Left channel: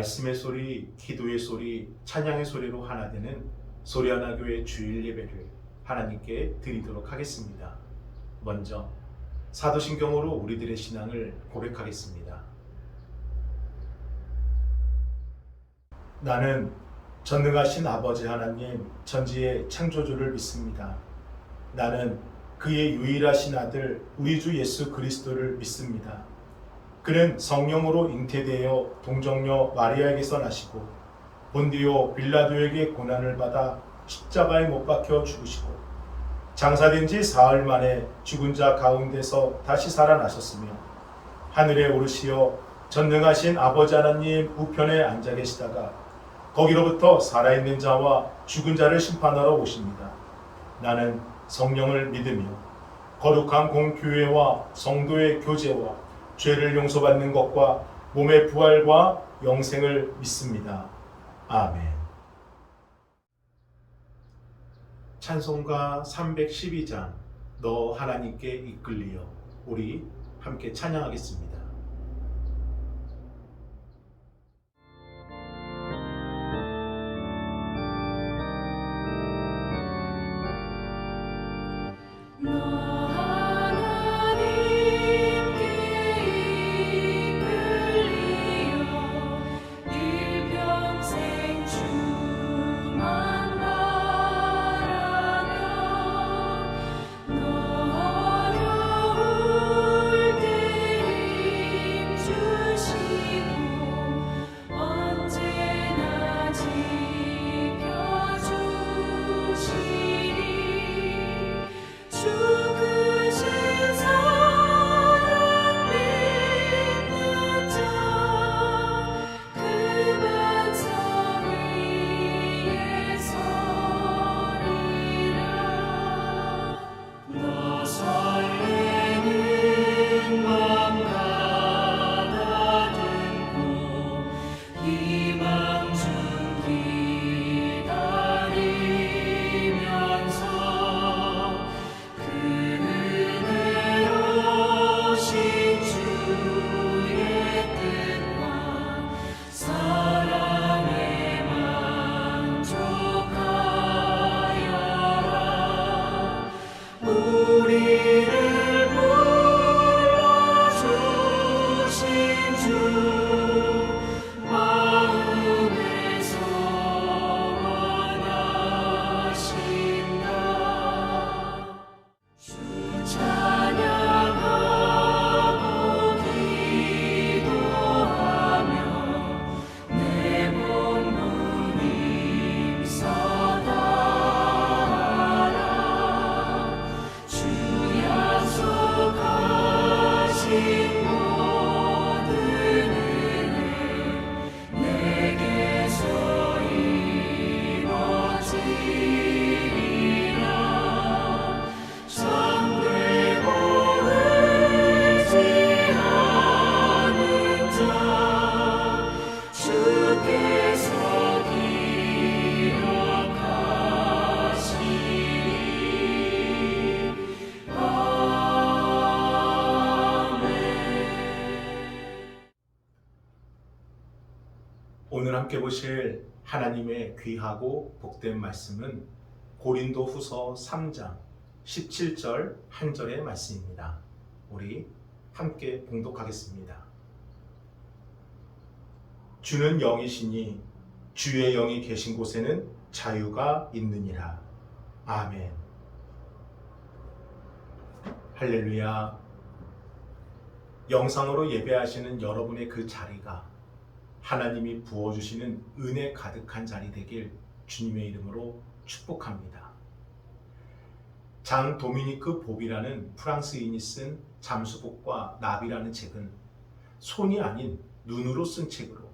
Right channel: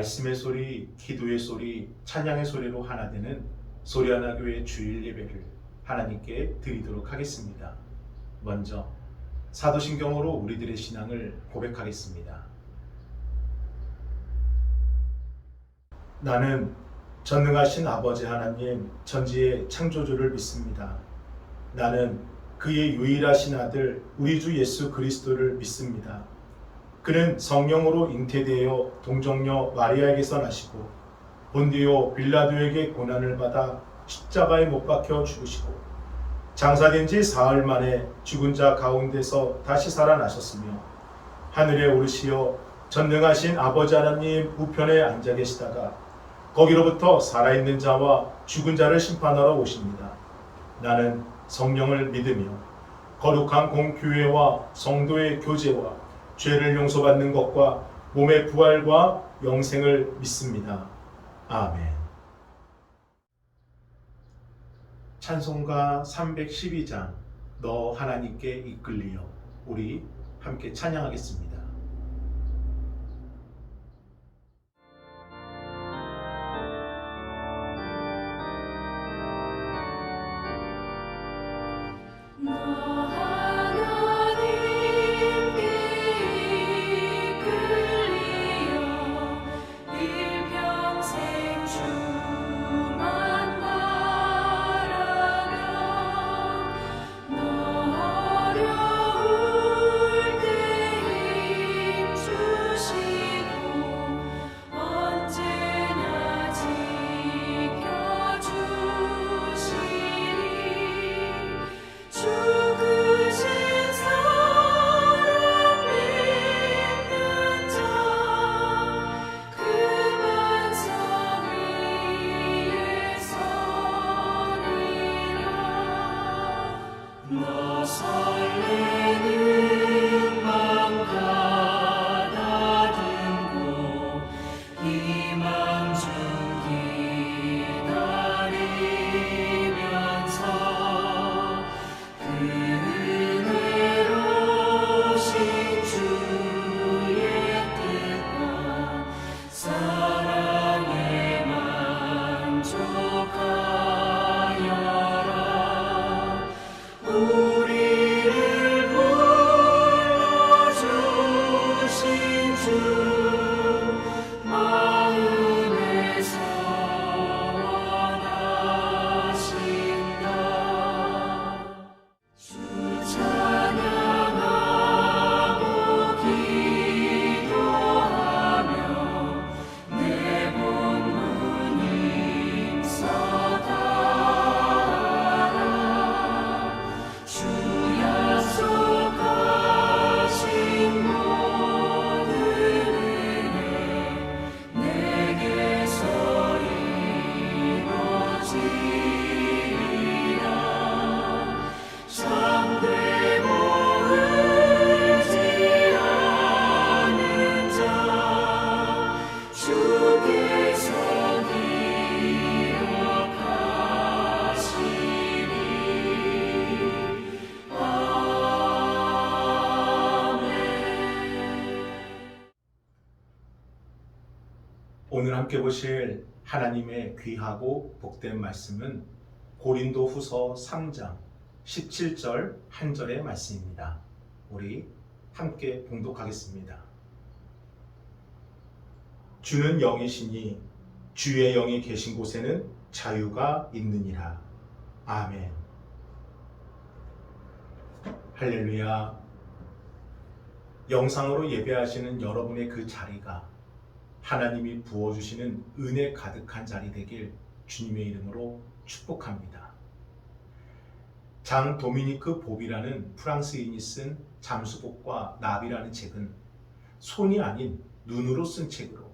말씀의 소리, 기도의 소리, 찬양의 소리로 하나 되는 소리하나교회 주일 예배를 하나님께 드리도록 하겠습니다. 먼저 사도신경으로 우리들의 신앙을 고백하겠습니다. 나는 전능하신 아버지 하나님 전지의 창조주를 믿습니다. 나는 그의 유일하신 아들 우리 주 예수 그리스도를 믿습니다. 그는 성령으로 잉태되어 동정녀 마리아에게서 나시고 본디오 빌라도에게 고난을 받아 십자가에 못 박혀 죽으시고 장사된 지 사흘 만에 죽은 자 가운데서 다시 살아나셨으며 하늘에 오르시어 전능하신 아버지 하나님 우편에 앉아 계시다가 거기로부터 살아있는 자와 죽은 자를 심판하러 오십니다. 나는 성령을 믿으며 거룩한 공교회와 성도의 교제와 죄를 용서받는 것과 몸의 부활과 영생을 믿습니다. 아멘. 찬송가 312장 너 하나님께 이끌리어 우리 함께 찬양하겠습니다. 오늘 함께 보실 하나님의 귀하고 복된 말씀은 고린도 후서 3장 17절 한절의 말씀입니다. 우리 함께 봉독하겠습니다. 주는 영이시니 주의 영이 계신 곳에는 자유가 있느니라. 아멘. 할렐루야. 영상으로 예배하시는 여러분의 그 자리가 하나님이 부어주시는 은혜 가득한 자리 되길 주님의 이름으로 축복합니다. 장 도미니크 봅이라는 프랑스인이 쓴 잠수복과 나비라는 책은 손이 아닌 눈으로 쓴 책으로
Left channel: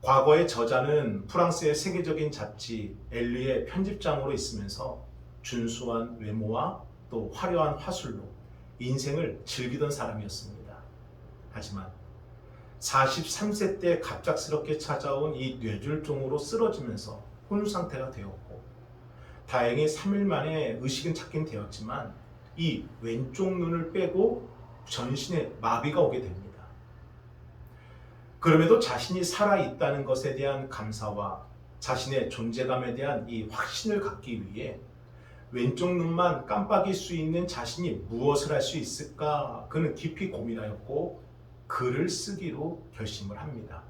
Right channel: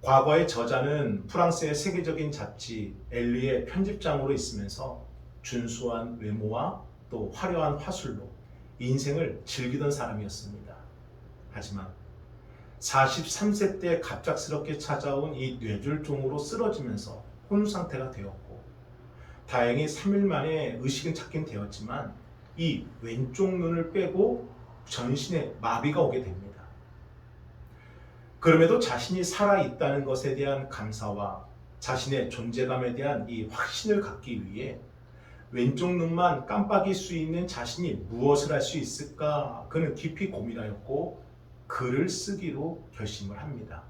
과거의 저자는 프랑스의 세계적인 잡지 엘리의 편집장으로 있으면서 준수한 외모와 또 화려한 화술로 인생을 즐기던 사람이었습니다. 하지만 43세 때 갑작스럽게 찾아온 이 뇌졸중으로 쓰러지면서 혼상태가 되었고 다행히 3일 만에 의식은 찾긴 되었지만 이 왼쪽 눈을 빼고 전신에 마비가 오게 됩니다. 그럼에도 자신이 살아있다는 것에 대한 감사와 자신의 존재감에 대한 이 확신을 갖기 위해 왼쪽 눈만 깜빡일 수 있는 자신이 무엇을 할 수 있을까? 그는 깊이 고민하였고 글을 쓰기로 결심을 합니다.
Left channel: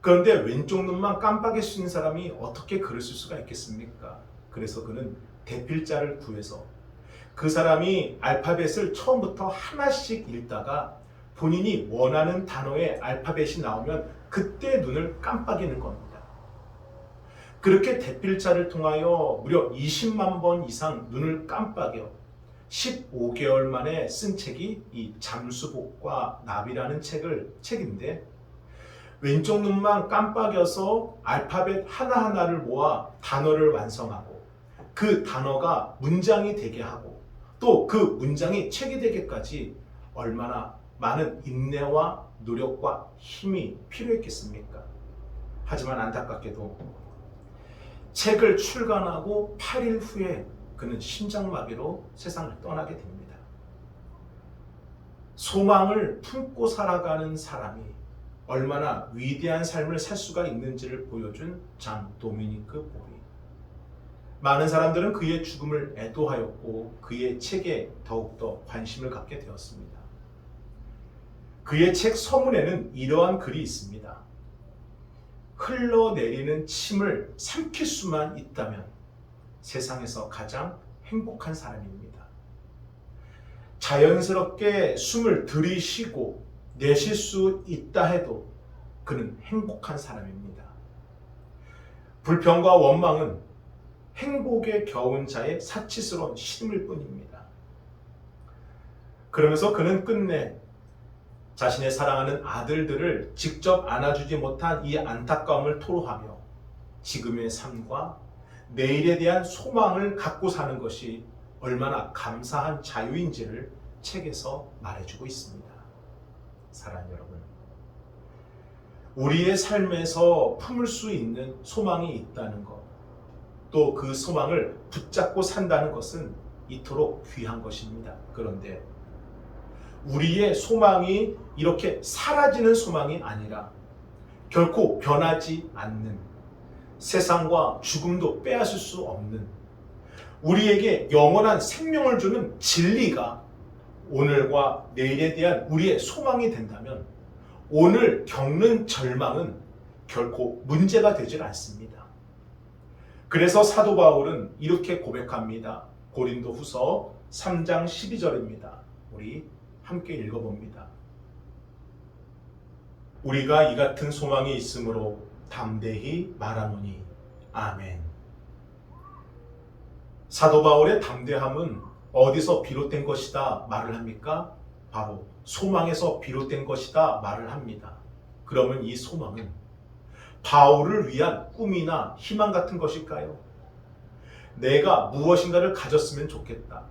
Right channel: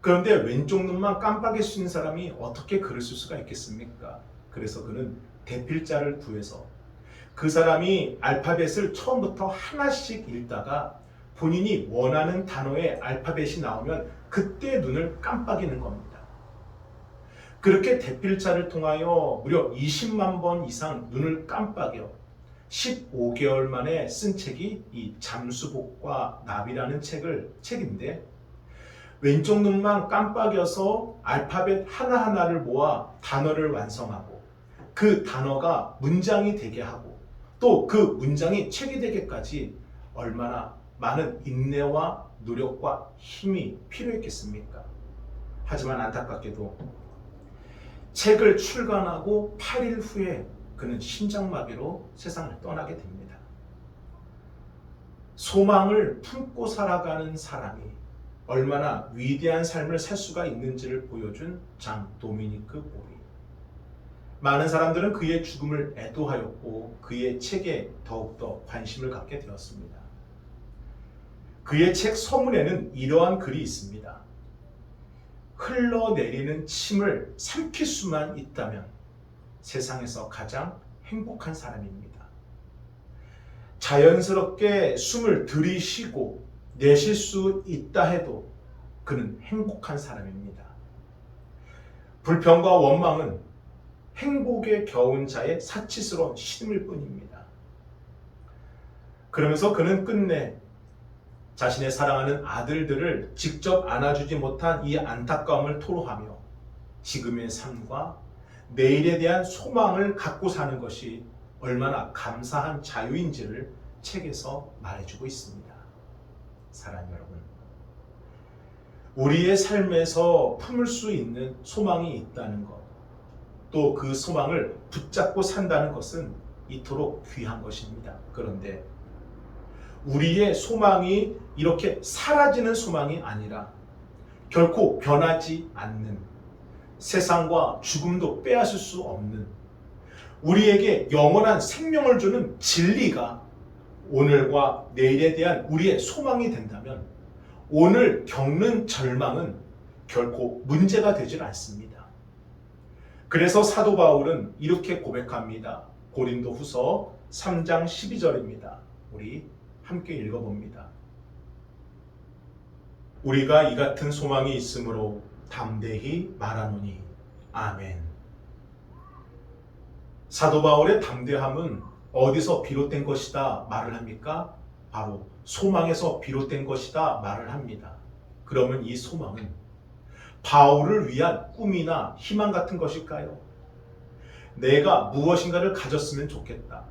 그런데 왼쪽 눈만 깜빡일 수 있는 사람이 어떻게 글을 쓸 수가 있겠습니까? 그래서 그는 대필자를 구해서 그 사람이 알파벳을 처음부터 하나씩 읽다가 본인이 원하는 단어의 알파벳이 나오면 그때 눈을 깜빡이는 겁니다. 그렇게 대필자를 통하여 무려 20만 번 이상 눈을 깜빡여 15개월 만에 쓴 책이 이 잠수복과 나비라는 책인데, 왼쪽 눈만 깜빡여서 알파벳 하나하나를 모아 단어를 완성하고 그 단어가 문장이 되게 하고 또 그 문장이 책이 되기까지 얼마나 많은 인내와 노력과 힘이 필요했겠습니까? 하지만 안타깝게도 책을 출간하고 8일 후에 그는 심장마비로 세상을 떠나게 됩니다. 소망을 품고 살아가는 사람이 얼마나 위대한 삶을 살 수가 있는지를 보여준 장 도미니크 보리. 많은 사람들은 그의 죽음을 애도하였고 그의 책에 더욱더 관심을 갖게 되었습니다. 그의 책 서문에는 이러한 글이 있습니다. 흘러내리는 침을 삼킬 수만 있다면 세상에서 가장 행복한 사람입니다. 자연스럽게 숨을 들이쉬고 내쉴 수 있다 해도 그는 행복한 사람입니다. 불평과 원망은 행복에 겨운 자의 사치스러운 신음일 뿐입니다. 그러면서 그는 끝내 자신의 사랑하는 아들들을 직접 안아주지 못한 이 안타까움을 토로하며 지금의 삶과 내일에 대한 소망을 갖고 사는 것이 얼마나 감사한 자유인지를 책에서 말해주고 있습니다. 사랑하는 여러분, 우리의 삶에서 품을 수 있는 소망이 있다는 것, 또 그 소망을 붙잡고 산다는 것은 이토록 귀한 것입니다. 그런데 우리의 소망이 이렇게 사라지는 소망이 아니라 결코 변하지 않는, 세상과 죽음도 빼앗을 수 없는, 우리에게 영원한 생명을 주는 진리가 오늘과 내일에 대한 우리의 소망이 된다면 오늘 겪는 절망은 결코 문제가 되질 않습니다. 그래서 사도 바울은 이렇게 고백합니다. 고린도후서 3장 12절입니다. 우리 함께 읽어봅니다. 우리가 이 같은 소망이 있으므로 담대히 말하노니 아멘. 사도 바울의 담대함은 어디서 비롯된 것이다 말을 합니까? 바로 소망에서 비롯된 것이다 말을 합니다. 그러면 이 소망은 바울을 위한 꿈이나 희망 같은 것일까요? 내가 무엇인가를 가졌으면 좋겠다.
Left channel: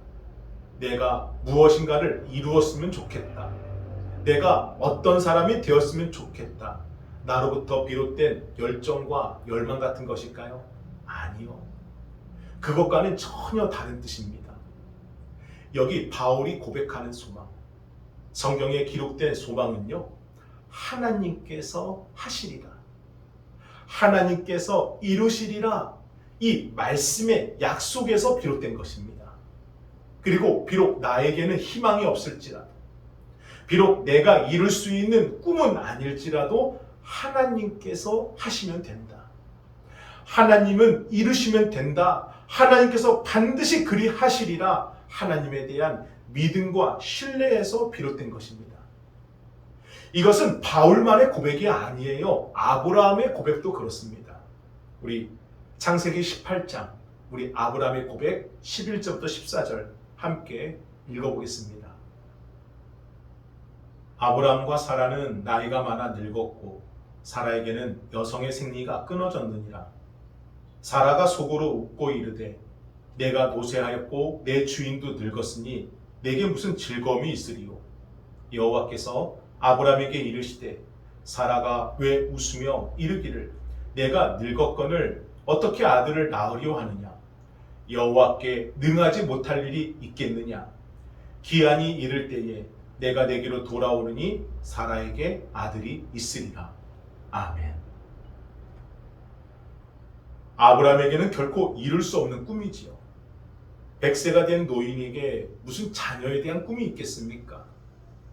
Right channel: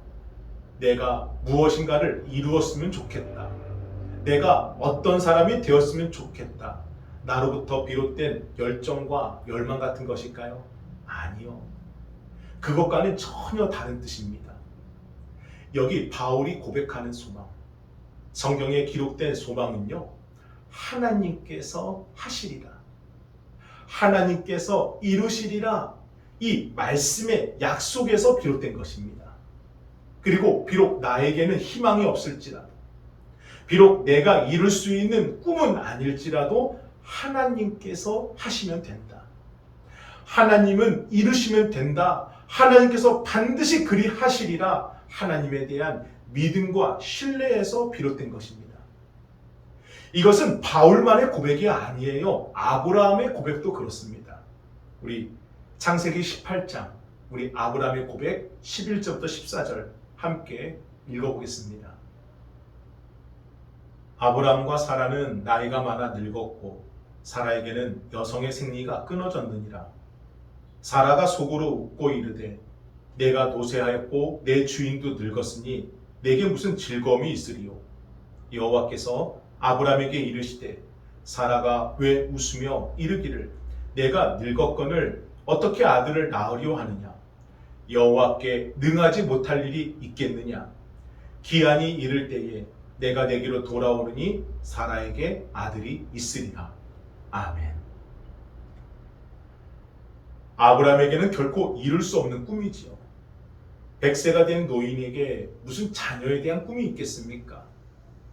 내가 무엇인가를 이루었으면 좋겠다. 내가 어떤 사람이 되었으면 좋겠다. 나로부터 비롯된 열정과 열망 같은 것일까요? 아니요. 그것과는 전혀 다른 뜻입니다. 여기 바울이 고백하는 소망, 성경에 기록된 소망은요, 하나님께서 하시리라, 하나님께서 이루시리라, 이 말씀의 약속에서 비롯된 것입니다. 그리고 비록 나에게는 희망이 없을지라도, 비록 내가 이룰 수 있는 꿈은 아닐지라도 하나님께서 하시면 된다. 하나님은 이루시면 된다. 하나님께서 반드시 그리 하시리라. 하나님에 대한 믿음과 신뢰에서 비롯된 것입니다. 이것은 바울만의 고백이 아니에요. 아브라함의 고백도 그렇습니다. 우리 창세기 18장, 우리 아브라함의 고백 11절부터 14절 함께 읽어보겠습니다. 아브라함과 사라는 나이가 많아 늙었고 사라에게는 여성의 생리가 끊어졌느니라. 사라가 속으로 웃고 이르되 내가 노쇠하였고 내 주인도 늙었으니 내게 무슨 즐거움이 있으리요. 여호와께서 아브라함에게 이르시되 사라가 왜 웃으며 이르기를 내가 늙었거늘 어떻게 아들을 낳으려 하느냐. 여호와께 능하지 못할 일이 있겠느냐. 기한이 이를 때에 내가 내게로 돌아오르니 사라에게 아들이 있으리라. 아멘. 아브라함에게는 결코 이룰 수 없는 꿈이지요. 100세가 된 노인에게 무슨 자녀에 대한 꿈이 있겠습니까?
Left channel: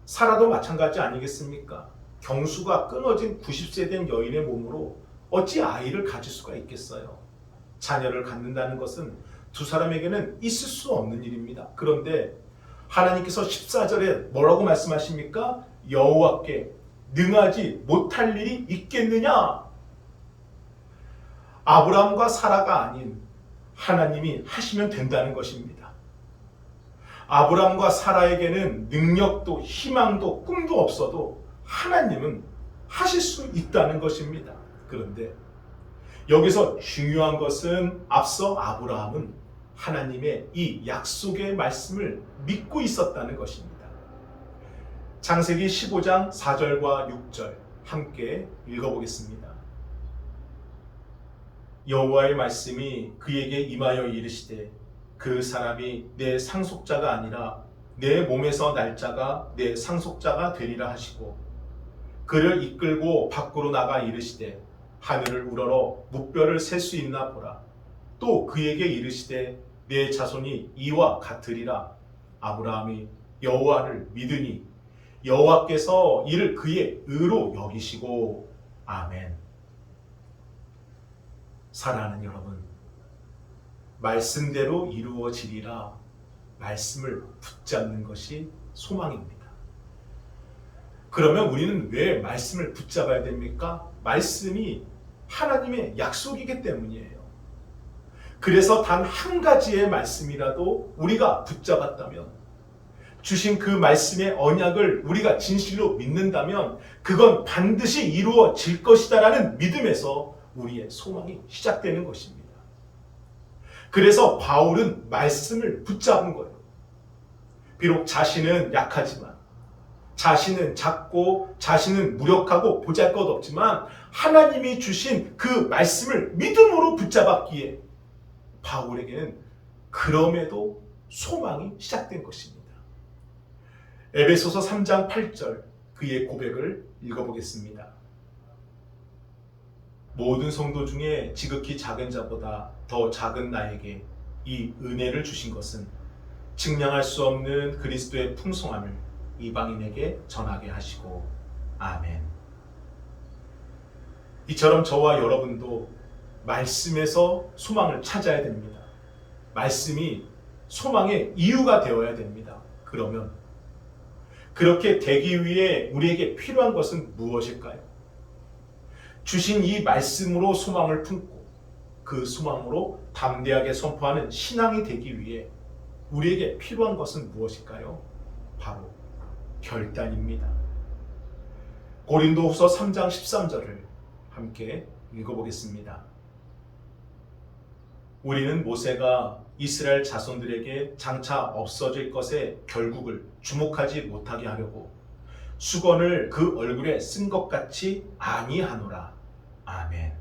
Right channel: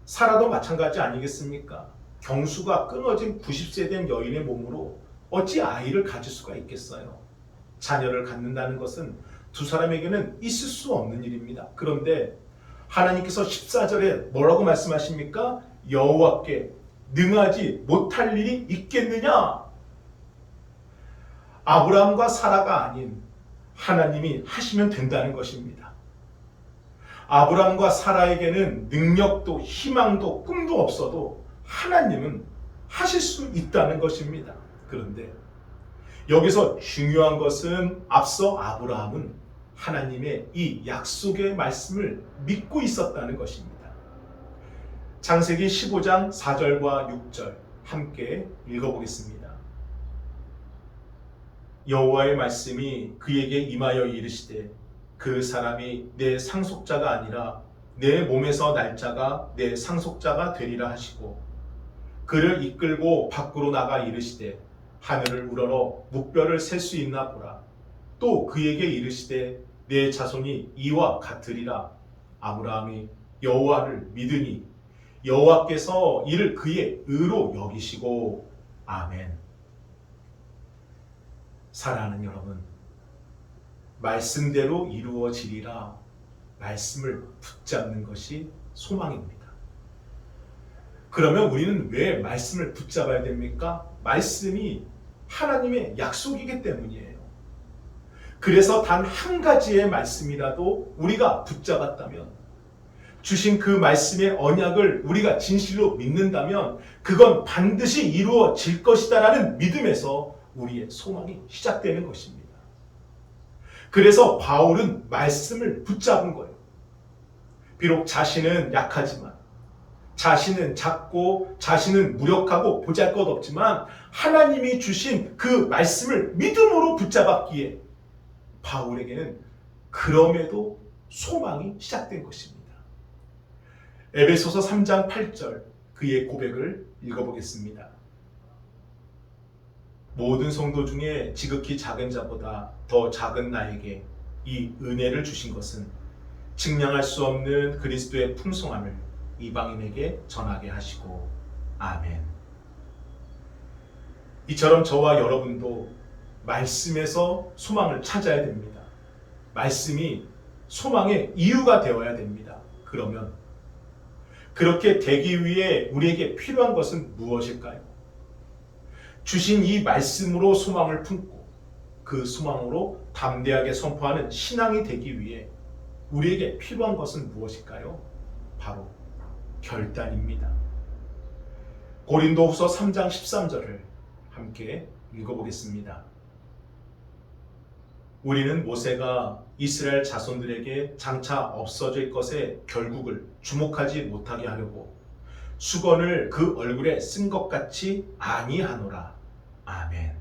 사라도 마찬가지 아니겠습니까? 경수가 끊어진 90세 된 여인의 몸으로 어찌 아이를 가질 수가 있겠어요? 자녀를 갖는다는 것은 두 사람에게는 있을 수 없는 일입니다. 그런데 하나님께서 14절에 뭐라고 말씀하십니까? 여호와께 능하지 못할 일이 있겠느냐? 아브라함과 사라가 아닌 하나님이 하시면 된다는 것입니다. 아브라함과 사라에게는 능력도 희망도 꿈도 없어도 하나님은 하실 수 있다는 것입니다. 그런데 여기서 중요한 것은 앞서 아브라함은 하나님의 이 약속의 말씀을 믿고 있었다는 것입니다. 창세기 15장 4절과 6절 함께 읽어보겠습니다. 여호와의 말씀이 그에게 임하여 이르시되 그 사람이 내 상속자가 아니라 내 몸에서 날 자가 내 상속자가 되리라 하시고 그를 이끌고 밖으로 나가 이르시되 하늘을 우러러 무뼈를 셀 수 있나 보라. 또 그에게 이르시되 내 자손이 이와 같으리라. 아브라함이 여호와를 믿으니 여호와께서 이를 그의 의로 여기시고 아멘. 사랑하는 여러분, 말씀대로 이루어지리라 말씀을 붙잡는 것이 소망입니다. 그러면 우리는 왜 말씀을 붙잡아야 됩니까? 말씀이 하나님의 약속이기 때문이에요. 그래서 단 한 가지의 말씀이라도 우리가 붙잡았다면, 주신 그 말씀의 언약을 우리가 진실로 믿는다면 그건 반드시 이루어질 것이다라는 믿음에서 우리의 소망이 시작되는 것입니다. 그래서 바울은 말씀을 붙잡은 거예요. 비록 자신은 약하지만, 자신은 작고, 자신은 무력하고 보잘것없지만 하나님이 주신 그 말씀을 믿음으로 붙잡았기에 바울에게는 그럼에도 소망이 시작된 것입니다. 에베소서 3장 8절 그의 고백을 읽어보겠습니다. 모든 성도 중에 지극히 작은 자보다 더 작은 나에게 이 은혜를 주신 것은 측량할 수 없는 그리스도의 풍성함을 이방인에게 전하게 하시고 아멘. 이처럼 저와 여러분도 말씀에서 소망을 찾아야 됩니다. 말씀이 소망의 이유가 되어야 됩니다. 그러면 그렇게 되기 위해 우리에게 필요한 것은 무엇일까요? 주신 이 말씀으로 소망을 품고 그 소망으로 담대하게 선포하는 신앙이 되기 위해 우리에게 필요한 것은 무엇일까요? 바로 결단입니다. 고린도후서 3장 13절을 함께 읽어보겠습니다. 우리는 모세가 이스라엘 자손들에게 장차 없어질 것의 결국을 주목하지 못하게 하려고 수건을 그 얼굴에 쓴 것 같이 아니하노라. 아멘.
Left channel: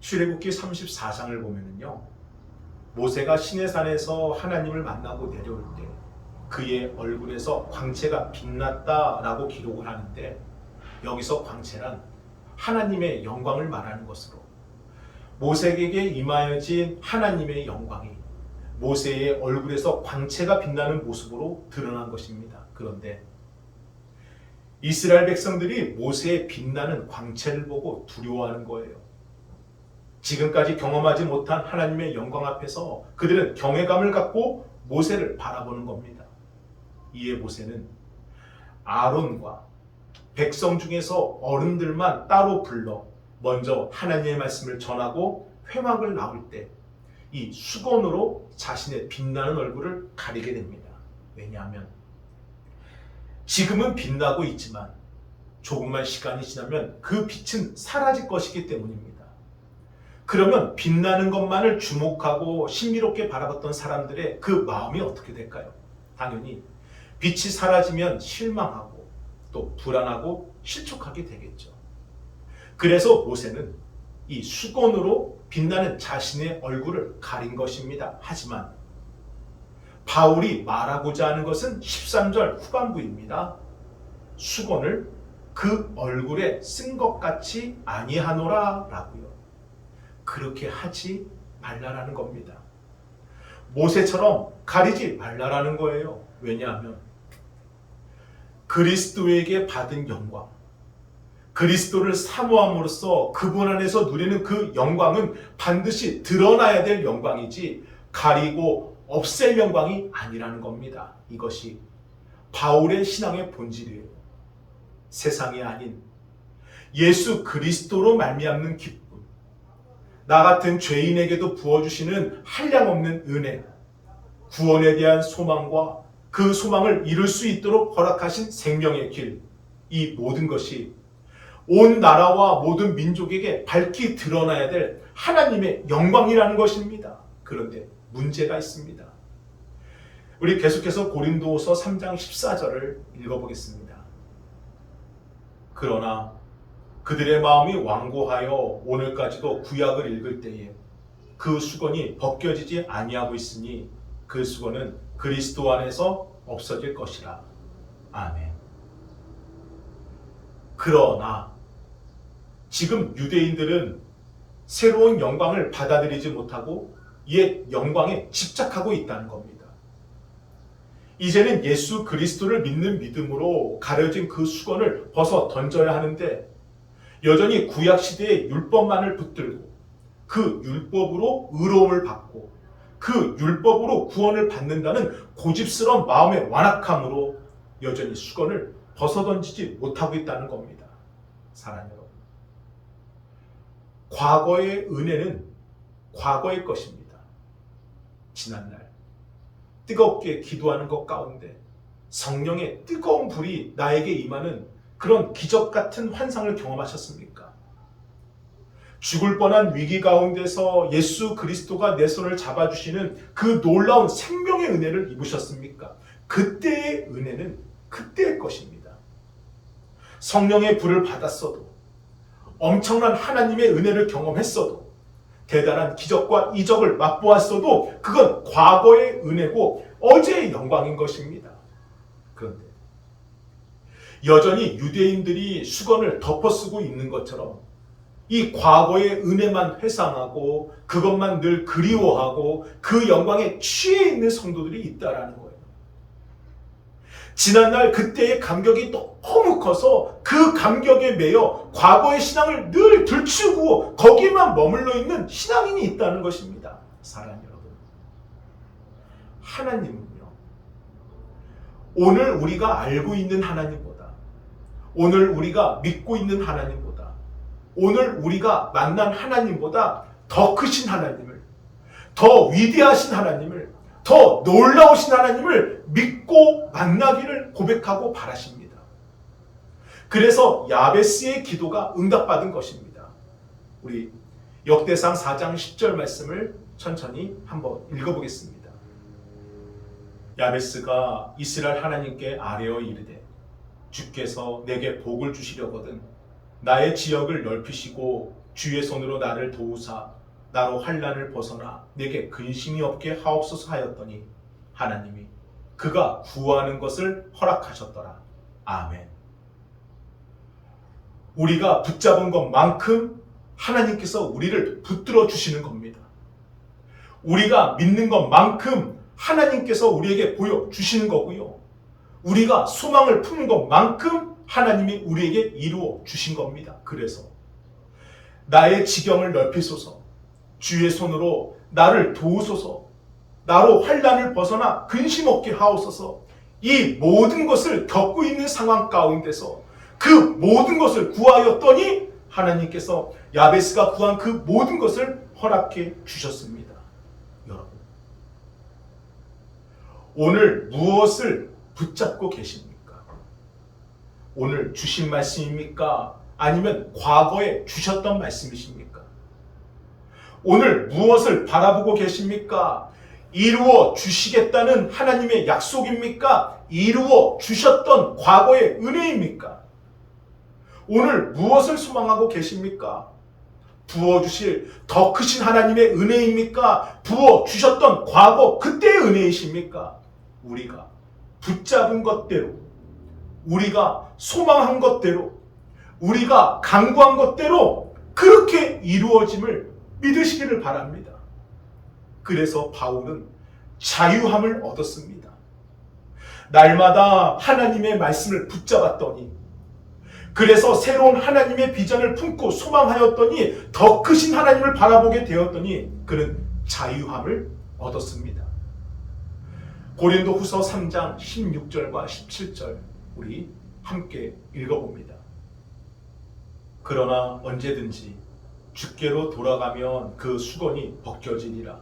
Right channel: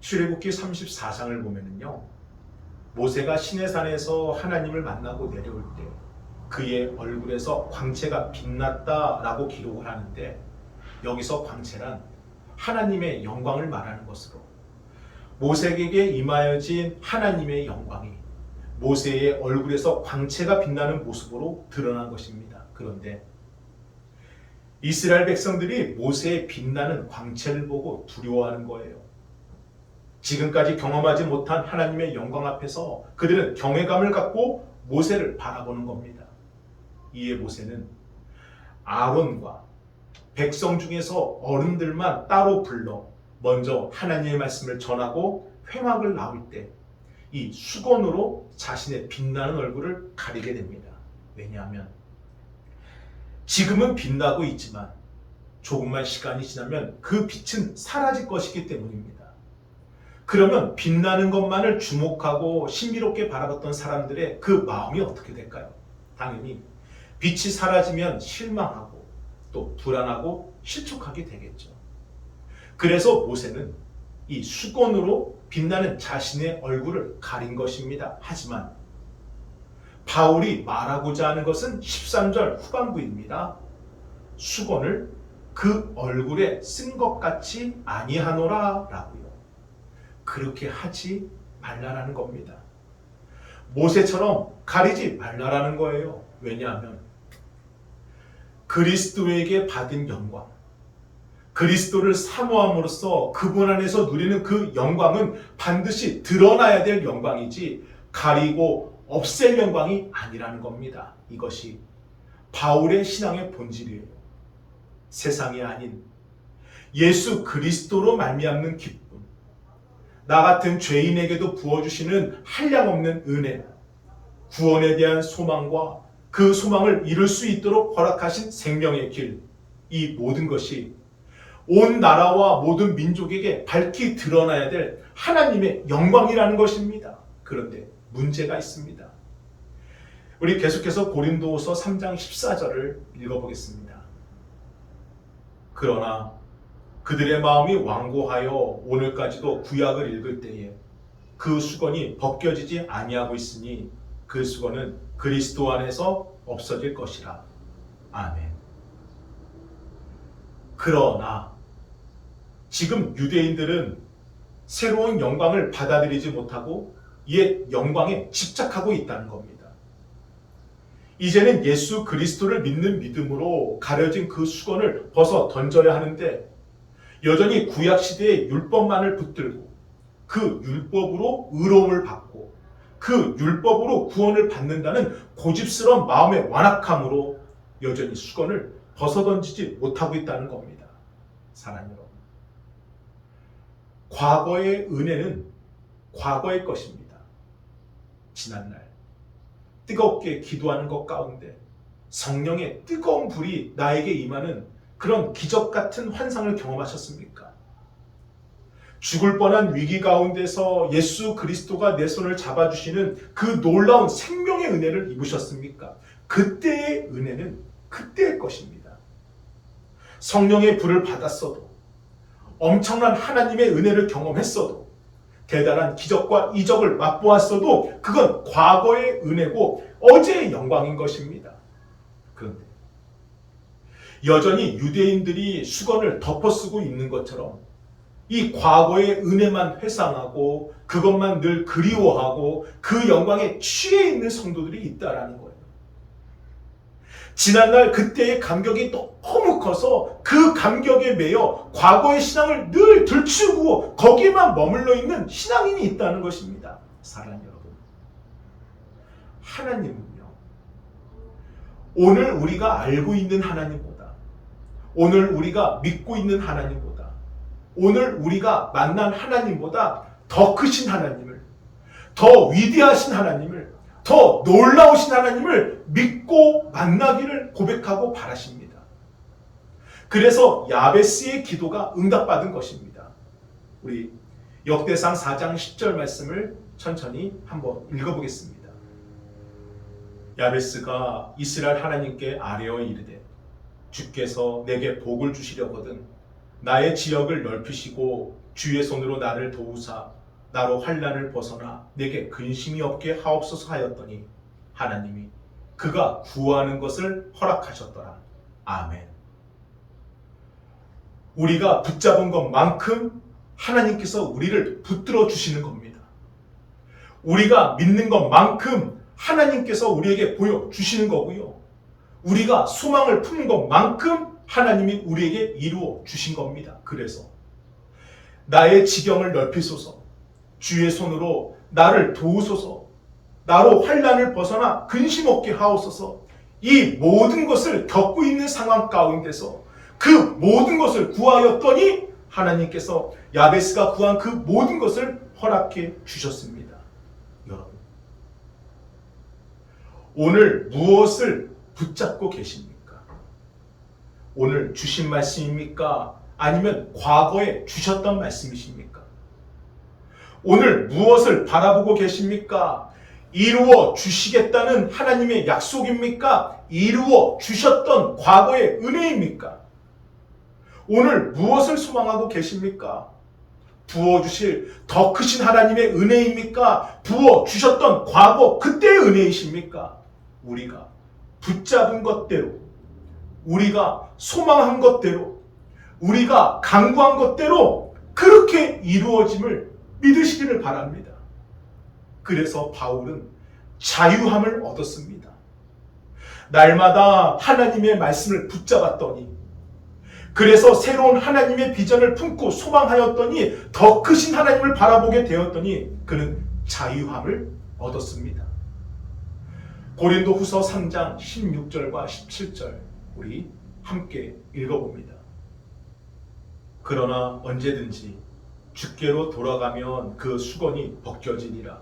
출애굽기 34장을 보면은요, 모세가 시내산에서 하나님을 만나고 내려올 때 그의 얼굴에서 광채가 빛났다라고 기록을 하는데, 여기서 광채란 하나님의 영광을 말하는 것으로 모세에게 임하여진 하나님의 영광이 모세의 얼굴에서 광채가 빛나는 모습으로 드러난 것입니다. 그런데 이스라엘 백성들이 모세의 빛나는 광채를 보고 두려워하는 거예요. 지금까지 경험하지 못한 하나님의 영광 앞에서 그들은 경외감을 갖고 모세를 바라보는 겁니다. 이에 모세는 아론과 백성 중에서 어른들만 따로 불러 먼저 하나님의 말씀을 전하고 회막을 나올 때 이 수건으로 자신의 빛나는 얼굴을 가리게 됩니다. 왜냐하면 지금은 빛나고 있지만 조금만 시간이 지나면 그 빛은 사라질 것이기 때문입니다. 그러면 빛나는 것만을 주목하고 신비롭게 바라봤던 사람들의 그 마음이 어떻게 될까요? 당연히 빛이 사라지면 실망하고 또 불안하고 실족하게 되겠죠. 그래서 모세는 이 수건으로 빛나는 자신의 얼굴을 가린 것입니다. 하지만 바울이 말하고자 하는 것은 13절 후반부입니다. 수건을 그 얼굴에 쓴 것 같이 아니하노라 라고요. 그렇게 하지 말라라는 겁니다. 모세처럼 가리지 말라라는 거예요. 왜냐하면 그리스도에게 받은 영광, 그리스도를 사모함으로써 그분 안에서 누리는 그 영광은 반드시 드러나야 될 영광이지 가리고 없앨 영광이 아니라는 겁니다. 이것이 바울의 신앙의 본질이에요. 세상이 아닌 예수 그리스도로 말미암는 기쁨, 나 같은 죄인에게도 부어주시는 한량없는 은혜, 구원에 대한 소망과 그 소망을 이룰 수 있도록 허락하신 생명의 길, 이 모든 것이 온 나라와 모든 민족에게 밝히 드러나야 될 하나님의 영광이라는 것입니다. 그런데 문제가 있습니다. 우리 계속해서 고린도후서 3장 14절을 읽어보겠습니다. 그러나 그들의 마음이 완고하여 오늘까지도 구약을 읽을 때에 그 수건이 벗겨지지 아니하고 있으니 그 수건은 그리스도 안에서 없어질 것이라. 아멘. 그러나 지금 유대인들은 새로운 영광을 받아들이지 못하고 옛 영광에 집착하고 있다는 겁니다. 이제는 예수 그리스도를 믿는 믿음으로 가려진 그 수건을 벗어 던져야 하는데 여전히 구약시대의 율법만을 붙들고 그 율법으로 의로움을 받고 그 율법으로 구원을 받는다는 고집스러운 마음의 완악함으로 여전히 수건을 벗어던지지 못하고 있다는 겁니다. 사랑하는 여러분, 과거의 은혜는 과거의 것입니다. 지난날 뜨겁게 기도하는 것 가운데 성령의 뜨거운 불이 나에게 임하는 그런 기적 같은 환상을 경험하셨습니까? 죽을 뻔한 위기 가운데서 예수 그리스도가 내 손을 잡아주시는 그 놀라운 생명의 은혜를 입으셨습니까? 그때의 은혜는 그때의 것입니다. 성령의 불을 받았어도, 엄청난 하나님의 은혜를 경험했어도, 대단한 기적과 이적을 맛보았어도 그건 과거의 은혜고 어제의 영광인 것입니다. 그런데 여전히 유대인들이 수건을 덮어쓰고 있는 것처럼 이 과거의 은혜만 회상하고 그것만 늘 그리워하고 그 영광에 취해 있는 성도들이 있다라는 거예요. 지난날 그때의 감격이 너무 커서 그 감격에 매여 과거의 신앙을 늘 들추고 거기에만 머물러 있는 신앙인이 있다는 것입니다. 사랑하는 여러분, 하나님은요, 오늘 우리가 알고 있는 하나님보다, 오늘 우리가 믿고 있는 하나님보다, 오늘 우리가 만난 하나님보다 더 크신 하나님을, 더 위대하신 하나님을, 더 놀라우신 하나님을 믿고 만나기를 고백하고 바라십니다. 그래서 야베스의 기도가 응답받은 것입니다. 우리 역대상 4장 10절 말씀을 천천히 한번 읽어보겠습니다. 야베스가 이스라엘 하나님께 아뢰어 이르되 주께서 내게 복을 주시려거든 나의 지역을 넓히시고 주의 손으로 나를 도우사 나로 환난을 벗어나 내게 근심이 없게 하옵소서 하였더니 하나님이 그가 구하는 것을 허락하셨더라. 아멘. 우리가 붙잡은 것만큼 하나님께서 우리를 붙들어 주시는 겁니다. 우리가 믿는 것만큼 하나님께서 우리에게 보여주시는 거고요. 우리가 소망을 품는 것만큼 하나님이 우리에게 이루어 주신 겁니다. 그래서 나의 지경을 넓히소서, 주의 손으로 나를 도우소서, 나로 환난을 벗어나 근심 없게 하옵소서. 이 모든 것을 겪고 있는 상황 가운데서 그 모든 것을 구하였더니 하나님께서 야베스가 구한 그 모든 것을 허락해 주셨습니다. 여러분, 오늘 무엇을 붙잡고 계십니까? 오늘 주신 말씀입니까? 아니면 과거에 주셨던 말씀이십니까? 오늘 무엇을 바라보고 계십니까? 이루어 주시겠다는 하나님의 약속입니까? 이루어 주셨던 과거의 은혜입니까? 오늘 무엇을 소망하고 계십니까? 부어주실 더 크신 하나님의 은혜입니까? 부어주셨던 과거 그때의 은혜이십니까? 우리가 붙잡은 것대로, 우리가 소망한 것대로, 우리가 간구한 것대로 그렇게 이루어짐을 믿으시기를 바랍니다. 그래서 바울은 자유함을 얻었습니다. 날마다 하나님의 말씀을 붙잡았더니, 그래서 새로운 하나님의 비전을 품고 소망하였더니, 더 크신 하나님을 바라보게 되었더니 그는 자유함을 얻었습니다. 고린도후서 3장 16절과 17절 우리 함께 읽어봅니다. 그러나 언제든지 주께로 돌아가면 그 수건이 벗겨지니라.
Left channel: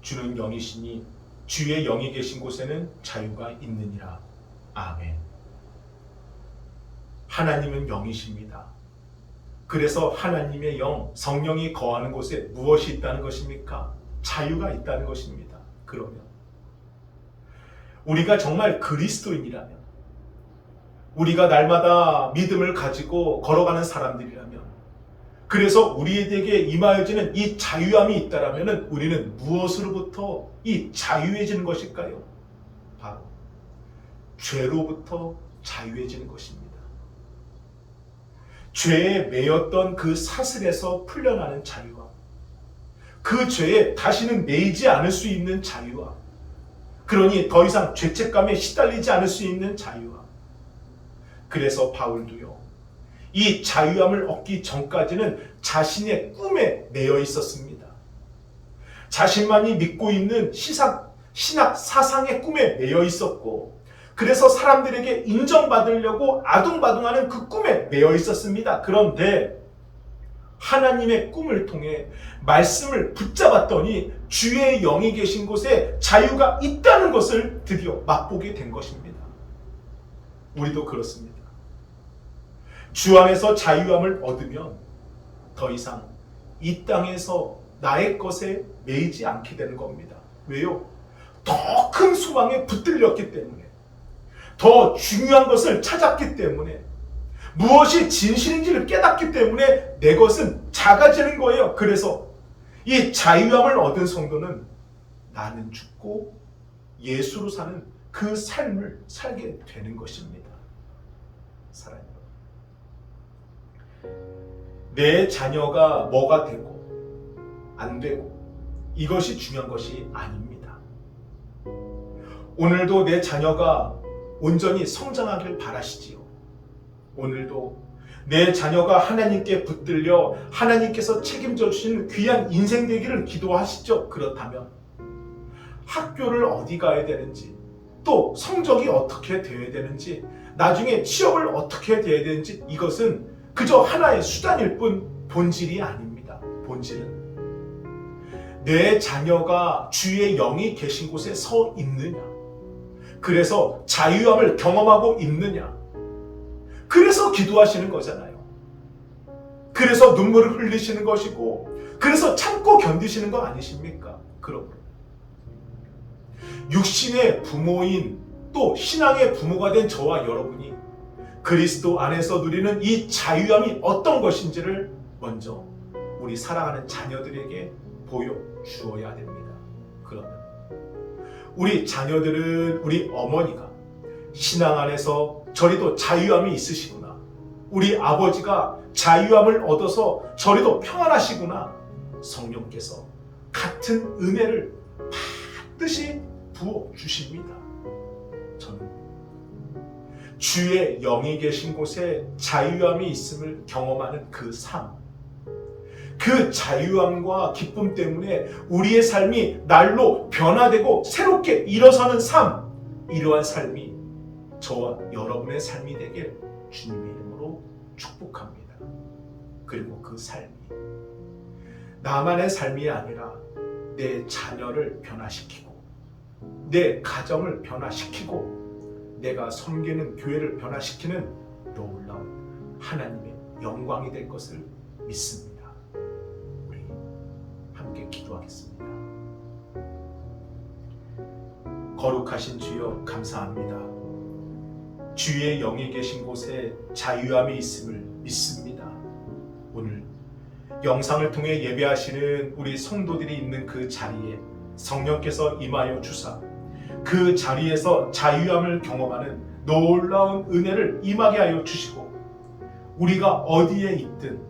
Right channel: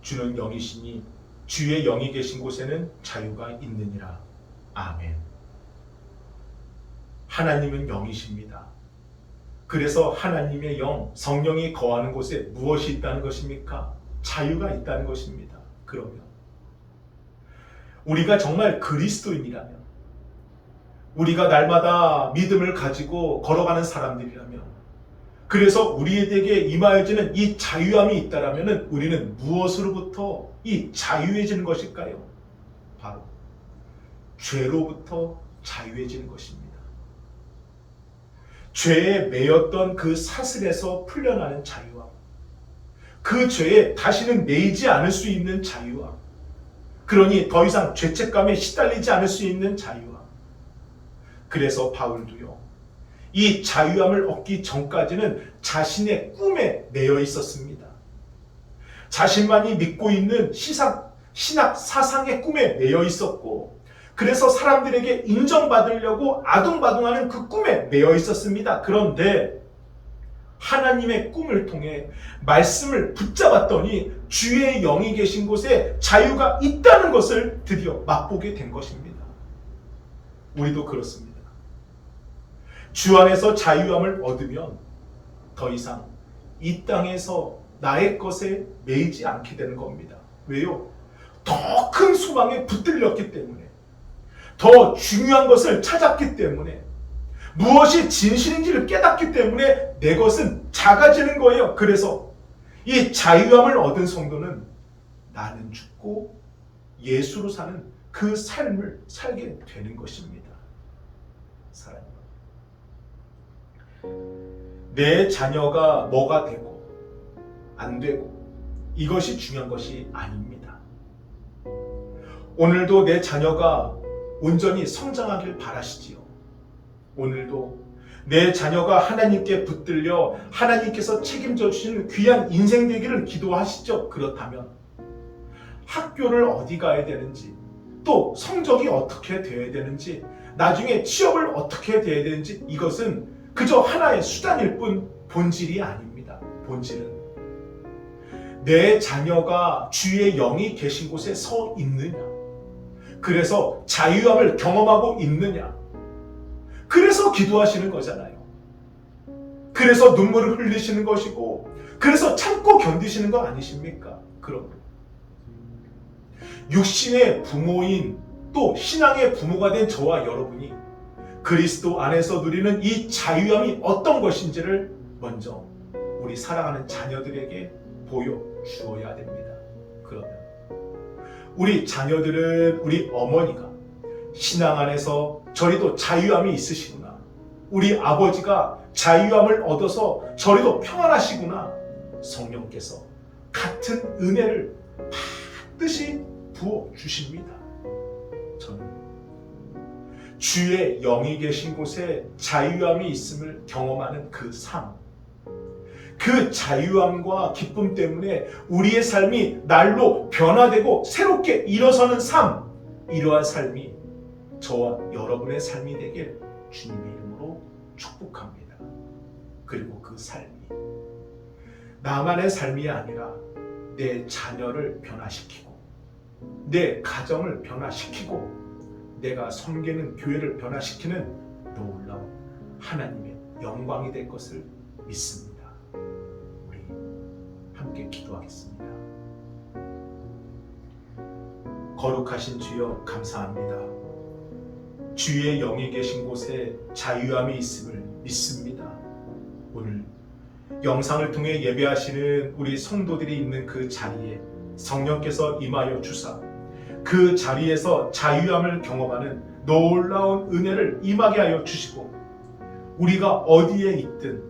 주는 영이시니 주의 영이 계신 곳에는 자유가 있느니라. 아멘. 하나님은 영이십니다. 그래서 하나님의 영, 성령이 거하는 곳에 무엇이 있다는 것입니까? 자유가 있다는 것입니다. 그러면 우리가 정말 그리스도인이라면, 우리가 날마다 믿음을 가지고 걸어가는 사람들이라면, 그래서 우리에게 임하여지는 이 자유함이 있다라면 우리는 무엇으로부터 이 자유해지는 것일까요? 바로 죄로부터 자유해지는 것입니다. 죄에 매였던 그 사슬에서 풀려나는 자유함, 그 죄에 다시는 매이지 않을 수 있는 자유함, 그러니 더 이상 죄책감에 시달리지 않을 수 있는 자유함. 그래서 바울도요, 이 자유함을 얻기 전까지는 자신의 꿈에 매여 있었습니다. 자신만이 믿고 있는 신학 사상의 꿈에 매여 있었고, 그래서 사람들에게 인정받으려고 아둥바둥하는 그 꿈에 매여 있었습니다. 그런데 하나님의 꿈을 통해 말씀을 붙잡았더니 주의 영이 계신 곳에 자유가 있다는 것을 드디어 맛보게 된 것입니다. 우리도 그렇습니다. 주 안에서 자유함을 얻으면 더 이상 이 땅에서 나의 것에 매이지 않게 되는 겁니다. 왜요? 더 큰 소망에 붙들렸기 때문에, 더 중요한 것을 찾았기 때문에, 무엇이 진실인지를 깨닫기 때문에 내 것은 작아지는 거예요. 그래서 이 자유함을 얻은 성도는 나는 죽고 예수로 사는 그 삶을 살게 되는 것입니다. 사랑해요. 내 자녀가 뭐가 되고 안 되고 이것이 중요한 것이 아닙니다. 오늘도 내 자녀가 온전히 성장하길 바라시지요. 오늘도 내 자녀가 하나님께 붙들려 하나님께서 책임져 주시는 귀한 인생 되기를 기도하시죠. 그렇다면 학교를 어디 가야 되는지, 또 성적이 어떻게 되어야 되는지, 나중에 취업을 어떻게 해야 되는지, 이것은 그저 하나의 수단일 뿐 본질이 아닙니다. 본질은 내 자녀가 주의 영이 계신 곳에 서 있느냐, 그래서 자유함을 경험하고 있느냐, 그래서 기도하시는 거잖아요. 그래서 눈물을 흘리시는 것이고, 그래서 참고 견디시는 거 아니십니까? 그러므로 육신의 부모인, 또 신앙의 부모가 된 저와 여러분이 그리스도 안에서 누리는 이 자유함이 어떤 것인지를 먼저 우리 사랑하는 자녀들에게 보여주어야 됩니다. 그러면 우리 자녀들은 우리 어머니가 신앙 안에서 저리도 자유함이 있으시구나, 우리 아버지가 자유함을 얻어서 저리도 평안하시구나, 성령께서 같은 은혜를 받듯이 부어주십니다. 저는 주의 영이 계신 곳에 자유함이 있음을 경험하는 그 삶, 그 자유함과 기쁨 때문에 우리의 삶이 날로 변화되고 새롭게 일어서는 삶, 이러한 삶이 저와 여러분의 삶이 되길 주님의 이름으로 축복합니다. 그리고 그 삶이 나만의 삶이 아니라 내 자녀를 변화시키고, 내 가정을 변화시키고, 내가 섬기는 교회를 변화시키는 놀라운 하나님의 영광이 될 것을 믿습니다. 우리 함께 기도하겠습니다. 거룩하신 주여, 감사합니다. 주의 영이 계신 곳에 자유함이 있음을 믿습니다. 오늘 영상을 통해 예배하시는 우리 성도들이 있는 그 자리에 성령께서 임하여 주사 그 자리에서 자유함을 경험하는 놀라운 은혜를 임하게 하여 주시고, 우리가 어디에 있든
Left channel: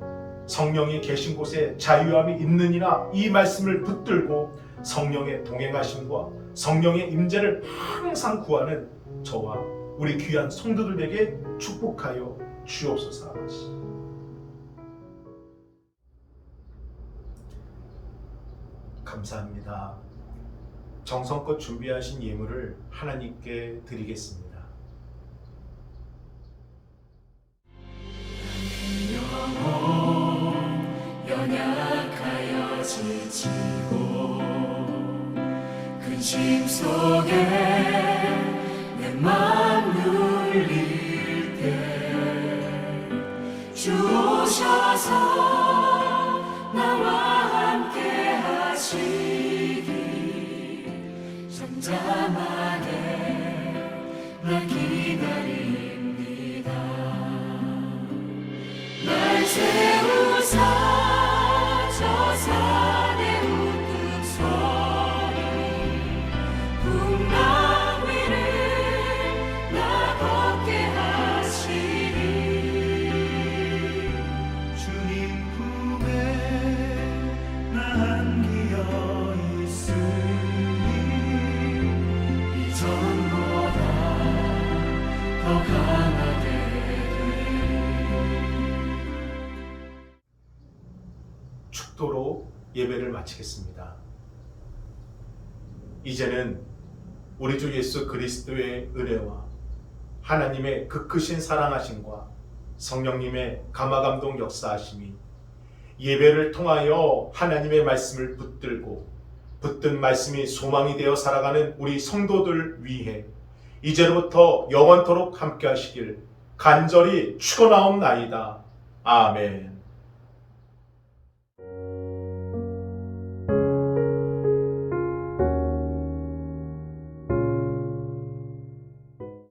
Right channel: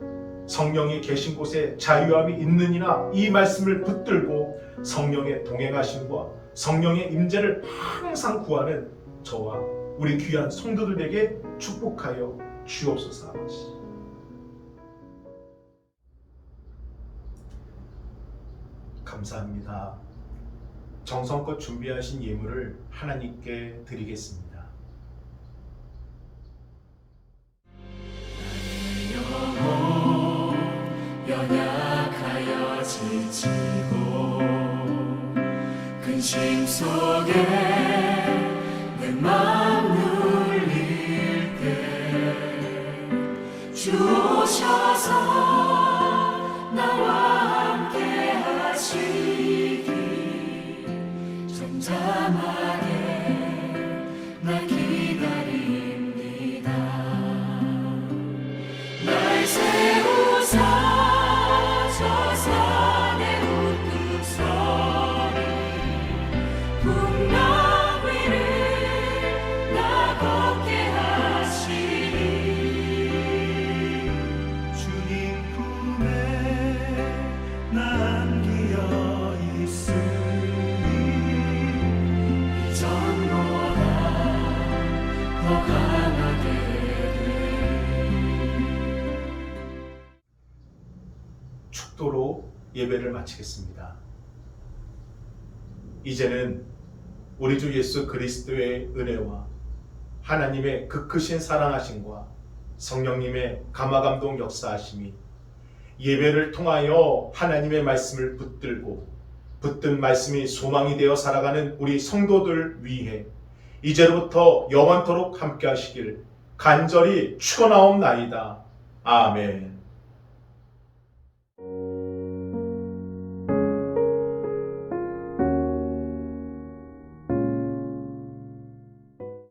성령이 계신 곳에 자유함이 있느니라 이 말씀을 붙들고 성령의 동행하심과 성령의 임재를 항상 구하는 저와 우리 귀한 성도들에게 축복하여 주옵소서. 감사합니다. 정성껏 준비하신 예물을 하나님께 드리겠습니다. 영혼 연약하여 지치고 근심 속에 내 맘 눌릴 때 주 오셔서 나와 함께 하시기 잠잠하게 날 기다립니다. 날 세우사 저 산의 우뚝 서리 풍랑 위를 나 걷게 하시리. 주님 품에 나 안기어 있으니 이전보다 더 강하게 축도로 예배를 마치겠습니다. 이제는 우리 주 예수 그리스도의 은혜와 하나님의 그 크신 사랑하심과 성령님의 감화감동 역사하심이 예배를 통하여 하나님의 말씀을 붙들고 붙든 말씀이 소망이 되어 살아가는 우리 성도들 위해 이제로부터 영원토록 함께 하시길 간절히 축원하옵나이다. 아멘.